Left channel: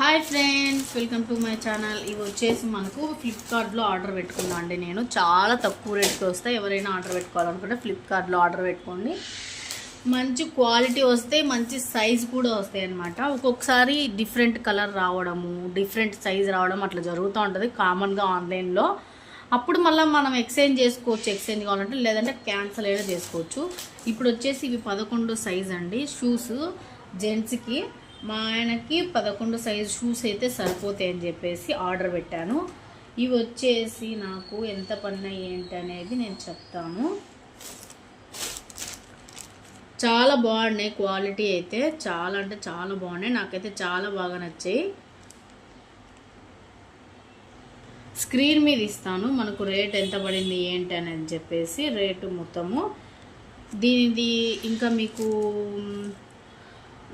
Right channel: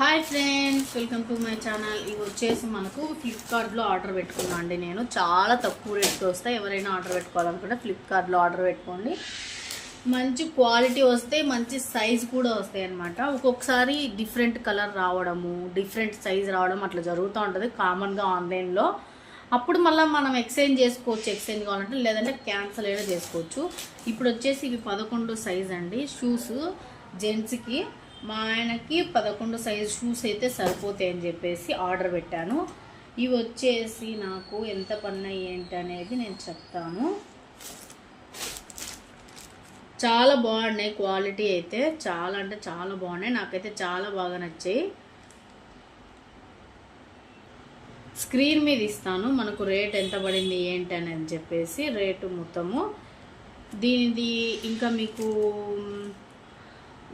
Hi friends welcome to my channel. ఇవి వచ్చేసి మనకు ఫ్లిప్కార్ట్లో ఆర్డర్ పెట్టుకున్నాను అండి నేను. చాలా తక్కువ రేట్కి వస్తాయి. ఎవరైనా ఆర్డర్ పెట్టుకోవాలనుకుంటే ఫ్లిప్కార్ట్లో ఆర్డర్ పెట్టుకోండి. మంచి క్వాలిటీ వస్తే మంచి సైజ్ కూడా వస్తాయి అనమాట ఒక్కొక్కసారి డిఫరెంట్ కలర్ రావడము డిఫరెంట్ సైజ్ రావడం అట్లా జరుగుతూ ఉంటుంది కామన్గా ఆన్లైన్లో. అప్పుడు మళ్ళీ మనం ఎక్స్చేంజ్ చేసుకోవచ్చు. ఎక్స్చేంజ్ కావాలంటే లేదంటే క్యాన్సిల్ అయినా చేసుకోవచ్చు. ఇప్పుడు వచ్చేసి ఇవి పదకొండు సైజ్ అండి. షూస్ జెంట్స్కి మా ఆయనకి పదకొండు సైజ్ షూస్ అయితే సరిపోతాయి అని చెప్పేసి ఆర్డర్ పెట్టాను. ఇవి వచ్చేసి నాకు ఎంత పన్నాయి ఏంటి అనేది నేను చెప్తాను. చాలా బాగున్నాయి క్వాలిటీ అయితే. చాలా అంటే చాలా బాగున్నాయి. నాకైతే చాలా బాగా నచ్చాయి. స్క్రీన్ మీద ఇస్తాను. మనకు రేట్ ఎంత పడింది ఏంటి అని చెప్పేసి రేటు మొత్తము. దీనిది ఇంకా మీకు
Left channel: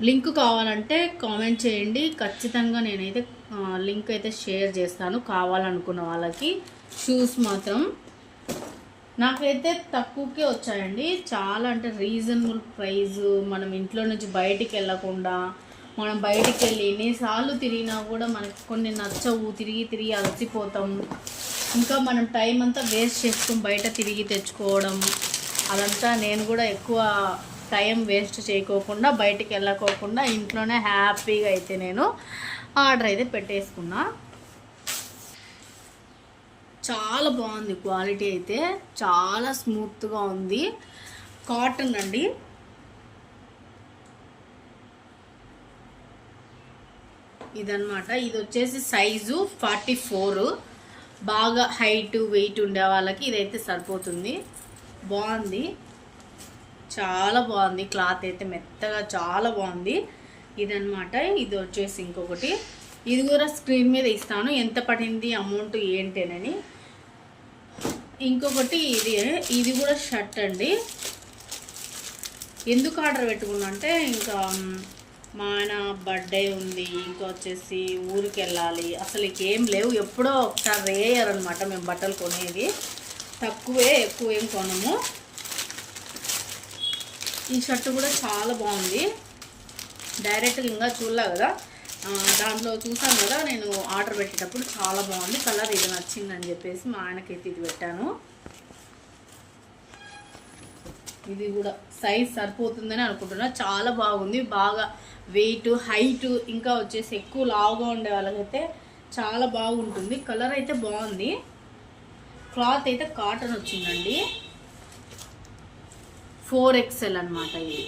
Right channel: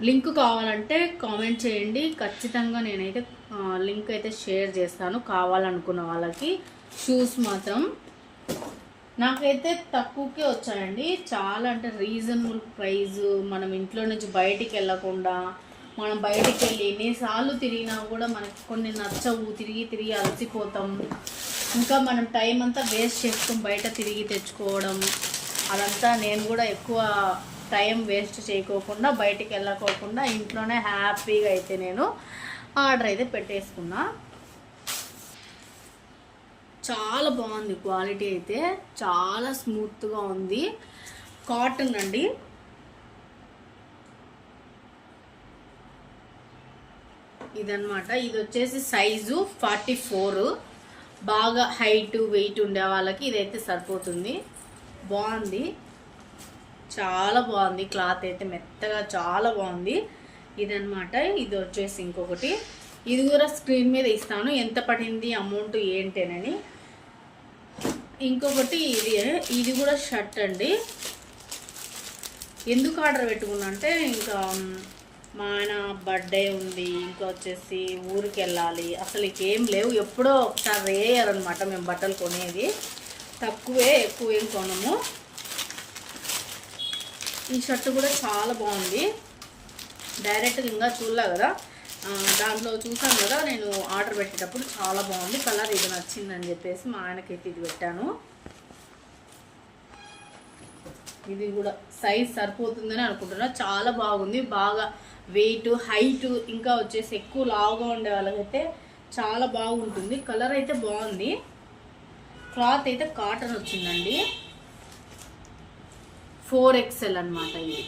లింక్ కావాలంటే కామెంట్ చేయండి. ఖచ్చితంగా నేనైతే లింక్ అయితే షేర్ చేస్తాను కావాలనుకున్న వాళ్ళకి. షూస్ మాత్రం నాకైతే తక్కువకే వచ్చాయండి. చాలా అంటే రీజనబుల్ ప్రైస్ మనం ఇంట్లో నుంచి బయటికి వెళ్ళకుండా మనం బయటికి వెళ్ళి ఎన్నిసార్లు తిరిగినా కూడా మనకు కొన్ని నచ్చవు. తిరిగి తిరిగి అలసిపోతాం. ఇంకా మనం టైం అంతా వేస్ట్ చేసుకుని బయట తిరిగి తెచ్చుకోవడం అదంతా నేను కూడా ఎక్కువ టైం వేస్ట్ చేయకోకుండా బయటికి వెళ్ళకోకుండా ఇంట్లోనే హ్యాపీగా అయితే నేను ఆర్డర్ అయితే పెట్టేసుకున్నా. చాలా బాగుంది క్వాలిటీ అయితే. చాలా స్మూత్గా ఉంది. కాటన్ అండి. ఇదన్నమాట. ఇది వచ్చేసి సైజు ఫార్టీ ఫోర్. బాగా హైట్ వెయిట్ ఉండే వాళ్ళకి ఇదైతే సరిపోతుంది. బాగుంది. చాలా బాగుంది. క్లాత్ అయితే మెత్తగా చాలా బాగుంది. ఇదనమాట ఇది వచ్చేసి ఇంకొకటి. ఇది కూడా స్క్రీన్ మీద ఇస్తాను. ఎంత పడింది అమౌంట్ ఏంటేనని. ఇంకొకటి ఇది ఇది కూడా షర్ట్ అండి. ఎందుకు ఆర్డర్ పెట్టుకున్నంటే ఇంకా మా బర్త్డే ఉంది. ఇంకా వచ్చేసి ఊరికి వెళ్ళాలి. అసలు ఏం లేవు. ఎప్పుడో ఒకసారి రేయర్ అనమాట మేము బట్టలు కొనేది. తక్కువే ఎక్కువ ఏం కొనము. ఈ షర్ట్ కూడా చాలా బాగుంది. డైరెక్ట్గా ఇంకా చూడలే కదా? దాంట్లో చూసాను కదా నేను ఆర్డర్ పెట్టేటప్పుడు చాలా బాగుంది. కలర్ ఇది నచ్చిందని చెప్పేసి మా ఆయనకైతే ఇది పెట్టాను. ఇది కూడా సైజ్ సరిపోతుందని అనుకుంటున్నా. చాలా బాగుంది. బాగా వెయిట్ హైట్ ఇంకా వచ్చేసి ఎక్కువ లావుగా ఉండే వాళ్ళకైతే చాలా బాగుంటుంది. కలర్ అయితే బాగుంది. క్లాత్ అయితే కాటన్ వచ్చిందండి. ఫోర్ ఎక్స్ఎల్ అనమాట ఇది.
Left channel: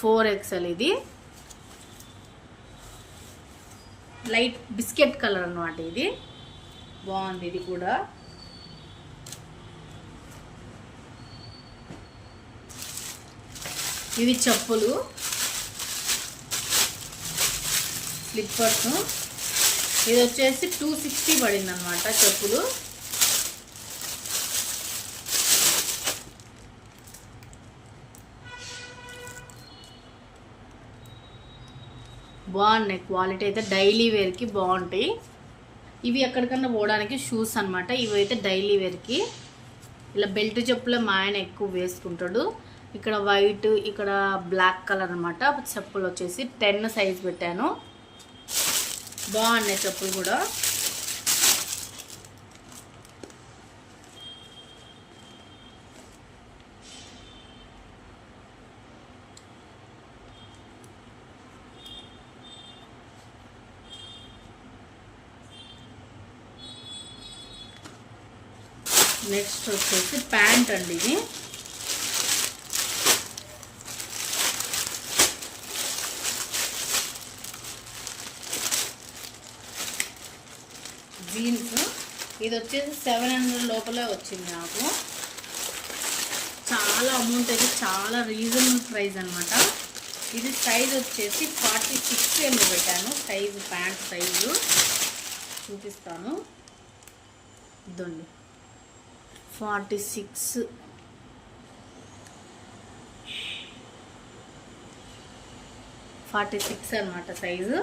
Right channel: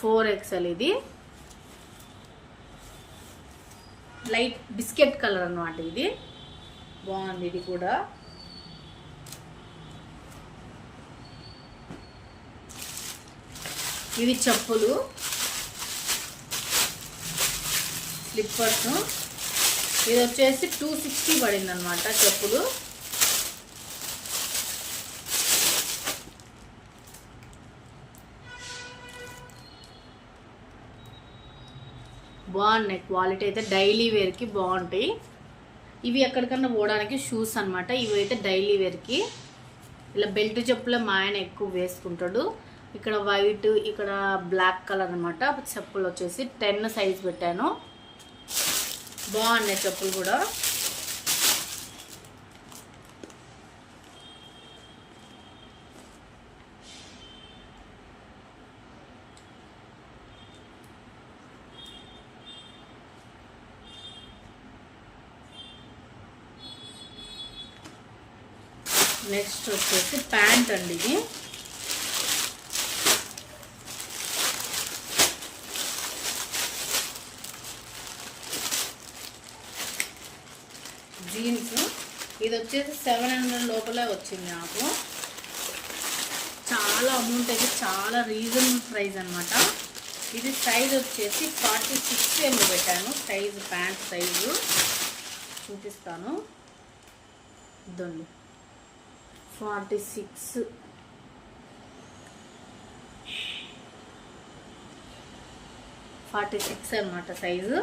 ఫోర్ ఎక్సెల్ ఇది. లైట్ బిస్కెట్ కలర్ అనమాట ఇది. బాగుంది ఇది కూడా. ఇవి చెప్పులు. స్లిప్పర్స్. ఇది వచ్చేసి టూ సిక్స్టీ పడింది అనమాట చెప్పులు. బాగున్నాయి. క్వాలిటీ అయితే డైలీ వేర్కి బాగుంటాయి. ఇవి ఎక్కడికన్నా పోవడానికి షూస్ అన్నమాట. ఇవి అయితే డైలీ వేర్కి. ఇలా బెల్ట్ చెప్పులే మా ఆయన ఎక్కువ వేసుకుంటాడు. ఇక్కడ వైట్ ఇక్కడ బ్లాక్ కలర్ అనమాట చెప్పులు వచ్చేసి టెన్ సైజ్ పెట్టాను. బాగున్నాయి చెప్పులు కూడా. నెక్స్ట్ వచ్చేసి ప్యాంట్ అండి ఇది. జీన్స్. ఇది వచ్చేసి సెవెన్ హండ్రెడ్ లోపలే వచ్చింది నాకు. చాలా అమౌంట్ అయితే చాలా రీజనబుల్ ప్రైస్ అనమాట ఇది సైజ్ వచ్చేసి ఫార్టీ సిక్స్ ఎందు పెట్టాను. Size pant size. చూపిస్తాను. ఇదండి ఫార్టీ సిక్స్. ఫార్టీ సిక్స్ అనమాట సైజు.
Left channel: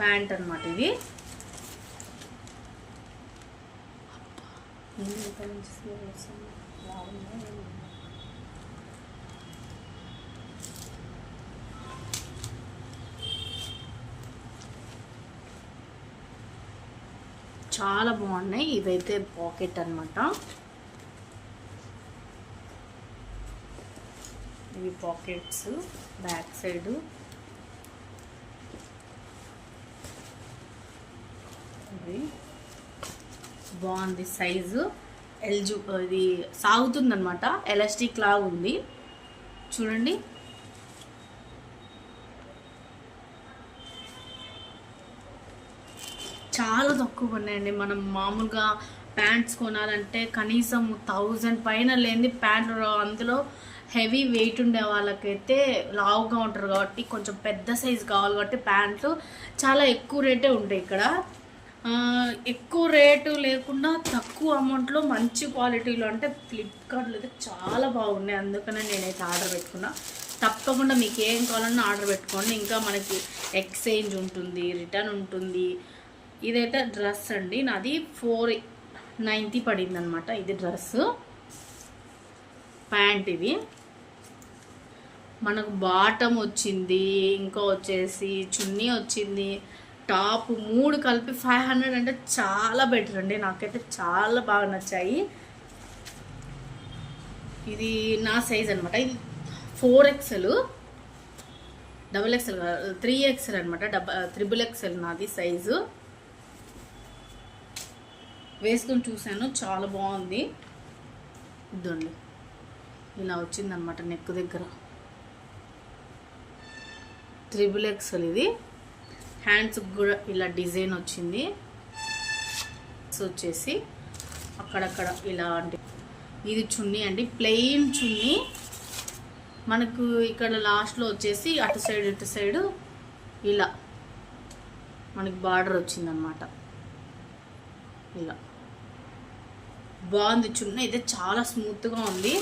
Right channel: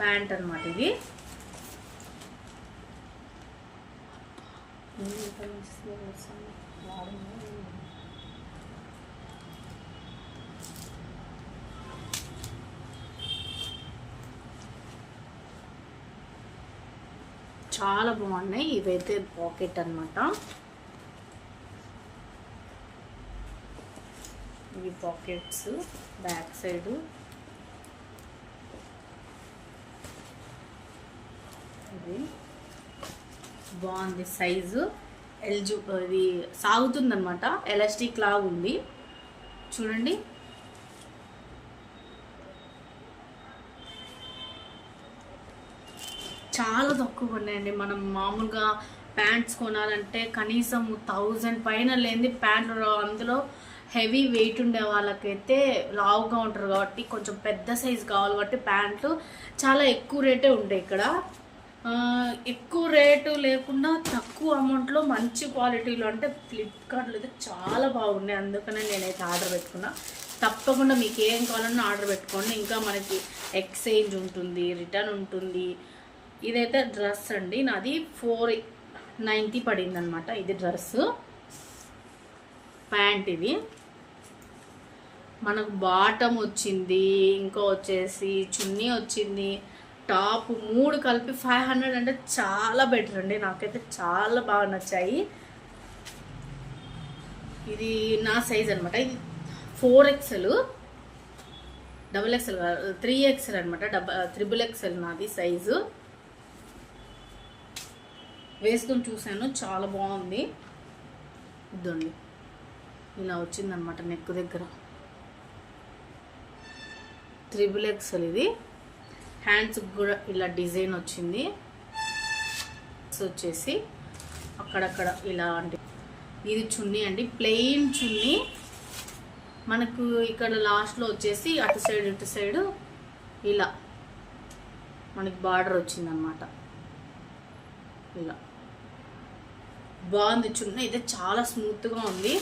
ప్యాంట్ అనమాట ఇది. ఏం ఇంత మంచి స్మెల్ వస్తుంది? బాగుందా? చాలా బాగున్నాయి. ఇవైతే పాకెట్ అన్నమాట. ఇవి పాకెట్స్ బ్యాక్ సైడ్. ఇది బాగుంది సైజు. ఎల్జు ఇది సాగుతుందన్నమాట. ఎలాస్టిక్ లాగా ఉంది చూడండి. చాలా తక్కువ ఉన్నాయండి. మనం మామూలుగా ప్యాంట్స్ కొనాలంటే కనీసం థౌజండ్ పైన లేని ప్యాంట్లు అందులో హెవీ వెయిట్ ఉండే వాళ్ళకైతే లావుగా ఉంటారు కాబట్టి కొంచెం పెద్ద సైజ్ కావాలి కాబట్టి ప్యాంట్లు చాలా ఎక్కువ రేటే ఉంటాయి ఇక్కడ. ఎక్కువ రేటు లేకుండా తక్కువ అమౌంట్లో మంచి క్వాలిటీలో అంటే ఫ్లిప్కార్ట్లో అయితే చాలా బాగున్నాయి. అందుకనే నేనైతే ఆర్డర్ పెట్టుకున్నా. తప్పకుండా మీకు ఏం కావాలన్నా ఆర్డర్ పెట్టుకోండి. ఇంకా మనకి ఎక్స్చేంజ్ ఉంటుంది రిటర్న్ ఉంటుంది. ఇదైతే డ్రెస్ అండి. నాది ఫోర్ నైంటీ పడింది అనమాట ఇది డ్రెస్. ప్యాంట్ ఇది. మనకు బాటమ్ వచ్చింది ఇంకా వచ్చేసి చున్నీ వచ్చింది. టాప్ మూడు కలిపి ఫైవ్ హండ్రెడ్ అంటే చాలా బెటర్ అండి. నాకైతే చాలా బాగా నచ్చాయి. ఇది నా సైజ్ అనమాట ఇది four XL double XL three XL అనమాట డబ త్రిబుల్ ఎక్స్ఎల్ నాది సైజు. వేసుకొని చూశాను. చాలా బాగుంది. ఇదండి. ఇలా వచ్చిందనమాట నెక్ దగ్గర. త్రిబుల్ ఎక్స్ఎల్ ఇది. హ్యాండ్స్ కూడా ఇలా డిజైన్ వచ్చింది. వచ్చేసి అక్కడక్కడ ఇలాంటి ఇది చున్నీ అండి. ప్లెయిన్ చున్నీ. మనకు ఇక్కడ లాస్ట్లో వచ్చేసి అటు సైడ్ ఇటు సైడ్ ఇలా మనకి బార్డర్ వచ్చిందన్నమాట. ఇలా. బాగుంది చున్న అయితే చాలా స్మూత్గా ఉంది.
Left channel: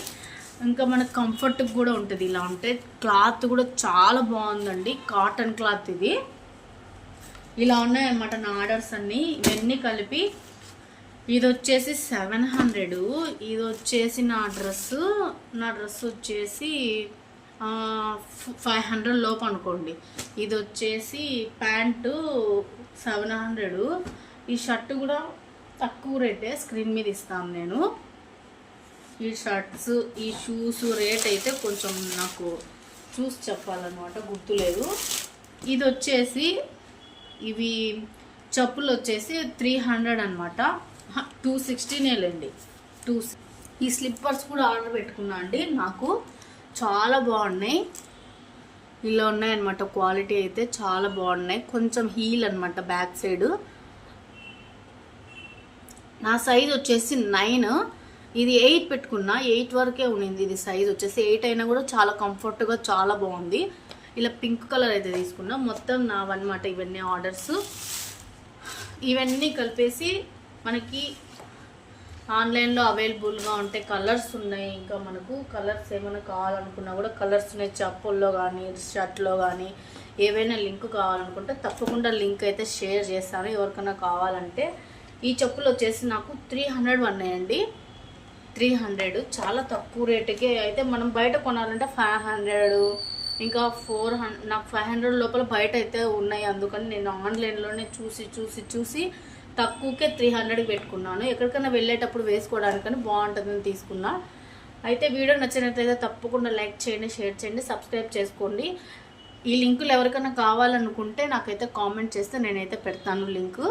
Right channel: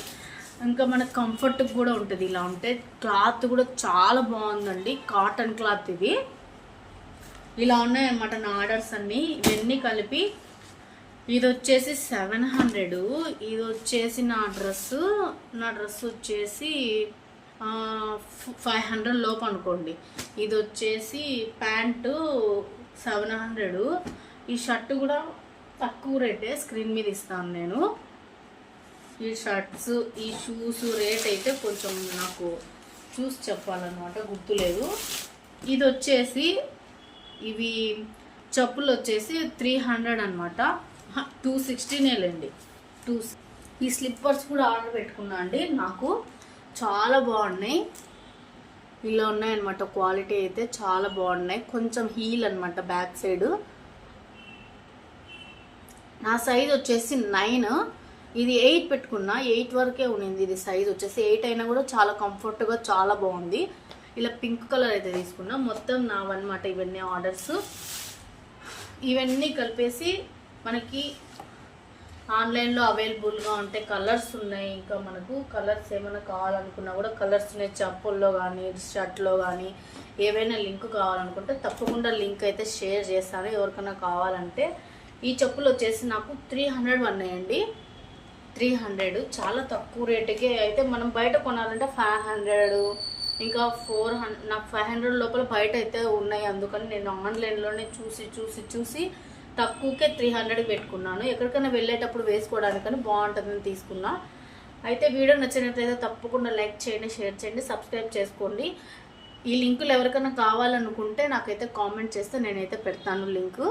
ఇంకా మనకు కంఫర్ట్ కూడా ఉంటుంది ఇలా అంటే క్లాత్ కూడా చాలా బాగుందండి. కాటన్ క్లాత్ ఇది. ఇలా ఉన్నాయన్నమాట నా ఆర్డర్స్ అన్నీ. ఇవన్నీ కలిపి ఇది వచ్చేసి సెవెన్ హండ్రెడ్. ఇది వచ్చేసి నా డ్రెస్. నా డ్రెస్ వచ్చేసి ఫైవ్ హండ్రెడ్ లోపు అనుకోండి. ఇది వచ్చేసి ప్యాంటు సెవెన్ హండ్రెడ్. ఈ షర్ట్ కూడా తక్కువ రేటే స్క్రీన్ మీద ఇస్తాను నేను. ఈ షర్ట్స్ ఈ షూస్ రేట్ అయితే కొంచెం నాకు చూసి చెప్పాలన్నమాట గుర్తులేదు ఇది వచ్చేసి ఇవి చెప్పులు వచ్చేసి త్రీ హండ్రెడ్ అనమాట టూ సిక్స్టీనేలండి టూ ఈ స్లిప్పర్స్ కూడా ఆర్డర్ పెట్టుకున్నా అండి. నాకు చాలా బాగున్నాయి. ఇలా ఉన్నాయన్నమాట. క్వాలిటీ అయితే చాలా బాగున్నాయి. కొంచెం హీల్ అనమాట బ్యాక్ సైడ్ నా సైజ్ వచ్చేసి నైన్ ఇది ఎయిట్ పెట్టుకున్నా ఎయిట్ వరకే ఉన్నింది ఇది సైజ్ వచ్చేసి ఎయిట్ అయినా కూడా చాలా కంఫర్ట్గా చాలా బాగుంది. ఇలా పింక్ కలర్ అయితే తీసుకున్నా. మొత్తం నావన్నమాట ఇవన్నీ ఆర్డర్స్ ఇవన్నీ కలిపేసి మనకి ఆన్లైన్లో అవైలబుల్గా ఉంటే కలర్స్ ఉన్నాయి. ఇంకా మనకు కలర్స్ ఏమైనా కావాలనుకున్నా కూడా కలర్స్ ఉన్నాయి. చెప్పుల్లో కానీ షర్ట్లో కానీ ఏవైనా లింక్ కావాలనుకుంటే తప్పకుండా లింక్ అయితే షేర్ చేస్తాను. ఎవరికైనా కావాలంటే ఈ చెప్పులు వచ్చేసి నాకు త్రీ హండ్రెడ్ ఉన్నాయండి త్రీ హండ్రెడ్ చాలా తక్కువ రేటుకే అయితే మనం బయట కొనాలంటే ఫైవ్ హండ్రెడ్ ఇంకా ఫోర్ హండ్రెడ్ నాకు ఫైవ్ హండ్రెడ్ లోపల బయట అయితే ఉన్నాయి. అందుకని నేను ఆన్లైన్లోనే చూసి చూసి చూసి తక్కువకే త్రీ హండ్రెడ్ పెట్టుకున్నాను. ఎక్కడికైనా వెళ్ళేటప్పుడు వేసుకోవడానికని బాగుంటుందని తీసుకున్నా. అయితే వీడియో నచ్చినట్లయితే తప్పకుండా లైక్ చేయండి షేర్ చేయండి సబ్స్క్రైబ్ చేసుకోండి. ఈ లింకులు ఎవరికైనా కావాలనుకుంటే నాకైతే కామెంట్ చేస్తే నేనైతే పెడతాను లింకు.